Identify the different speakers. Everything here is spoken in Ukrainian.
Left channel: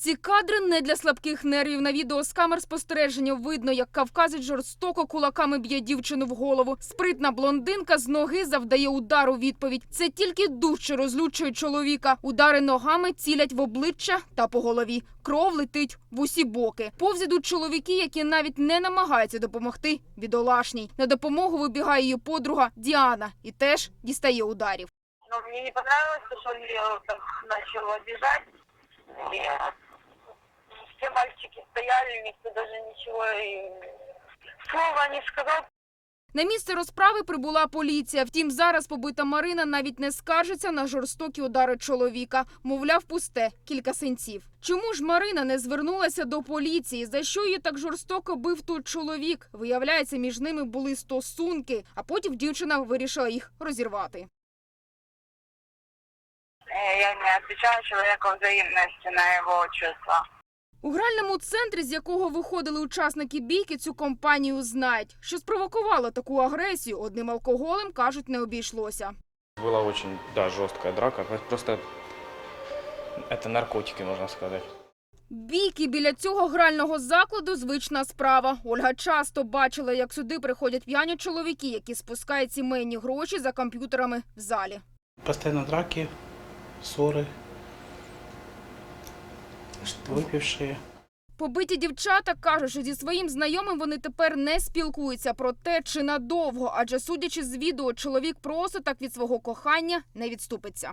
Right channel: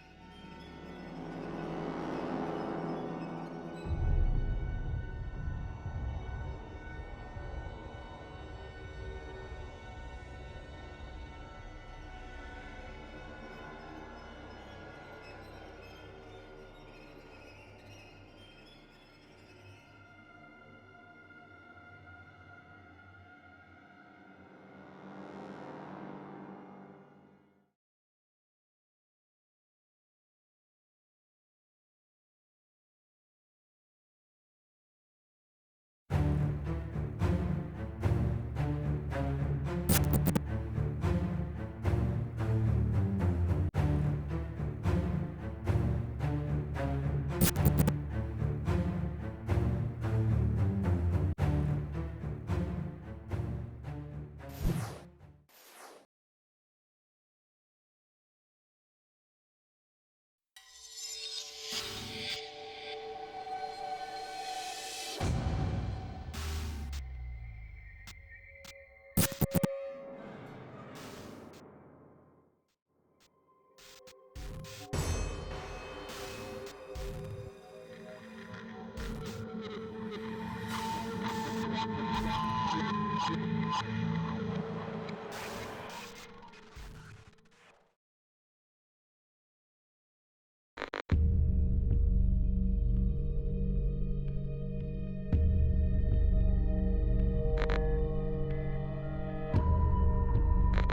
Speaker 1: Ці кадри не для слабких нервів. На відео з камер спостереження видно, як кавказець жорстоко кулаками б'є дівчину в голову. Спритна блондинка з ноги завдає удар у відповідь. Це тільки дужче розлючує чоловіка. Удари ногами цілять в обличчя та по голові. Кров летить в усі боки. Повз ідуть чоловіки, які навіть не намагаються допомогти бідолашній. На допомогу вибігає її подруга Діана і теж дістає ударів.
Speaker 2: Но мне не понравилось, ее так начал обижать. Мальчики стояли, никто даже ничего и слова не сказал.
Speaker 1: На місце розправи прибула поліція. Втім, зараз побита Марина навіть не скаржиться на жорстокі удари чоловіка. Мовляв, пусте кілька синців. Чому ж Марина не звернулася до поліції? За що її так жорстоко бив тут чоловік? Виявляється, між ними були стосунки, а потім дівчина вирішила їх розірвати.
Speaker 2: Э, Я не отвечаю человеку взаимности на его чувства.
Speaker 1: У гральному центрі, з якого виходили учасники бійки, цю компанію знають. Що спровокувало таку агресію, одним алкоголем кажуть, не обійшлося.
Speaker 3: Была очень, да, жесткая драка. Просто это наркотики, можно сказать.
Speaker 1: Бійки біля цього грального закладу звична справа. Ольга часто бачила, як сюди приходять п'яні чоловіки, які спускають сімейні гроші за комп'ютерами в залі.
Speaker 4: Постоянно драки, ссоры, выпившие.
Speaker 1: Побиті дівчата кажуть, що зі своїм знайомим вони тепер не спілкуються про те, чи надовго, адже судячи з відео, чоловік просто так від свого кохання не відступиться.